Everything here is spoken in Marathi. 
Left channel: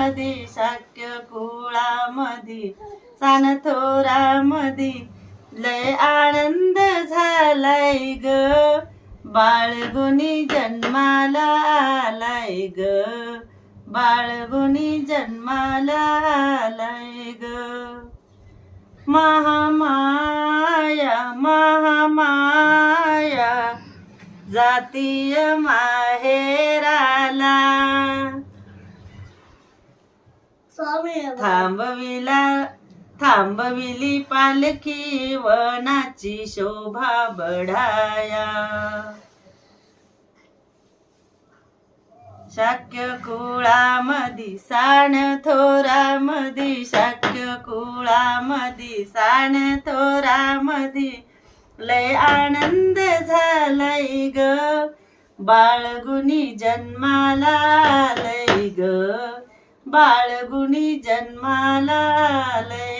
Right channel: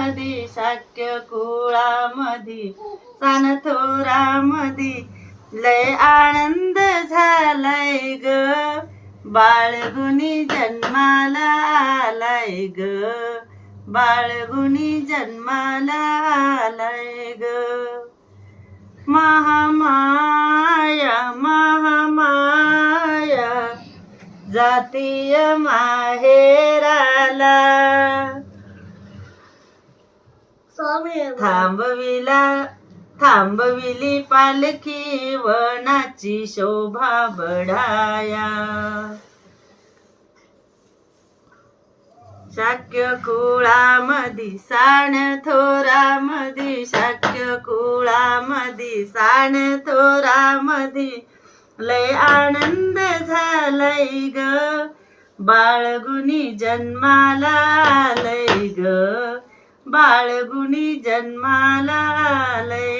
थोरामधी शाक्य कुळामधी सान थोरामधी लय आनंद झालाय ग बाळगुणी जन्माला आलाय ग बाळगुणी जन्माला आलाय ग महामाया महामाया जातीय माहेराला थांबविली पालखी वनाची शोभा बढाया शाक्य कुळामधी सान थोरामधी शाक्य कुळामधी सान थोरामधी लय आनंद झालाय ग बाळगुणी जन्माला आलय ग बाळगुणी जन्माला आलय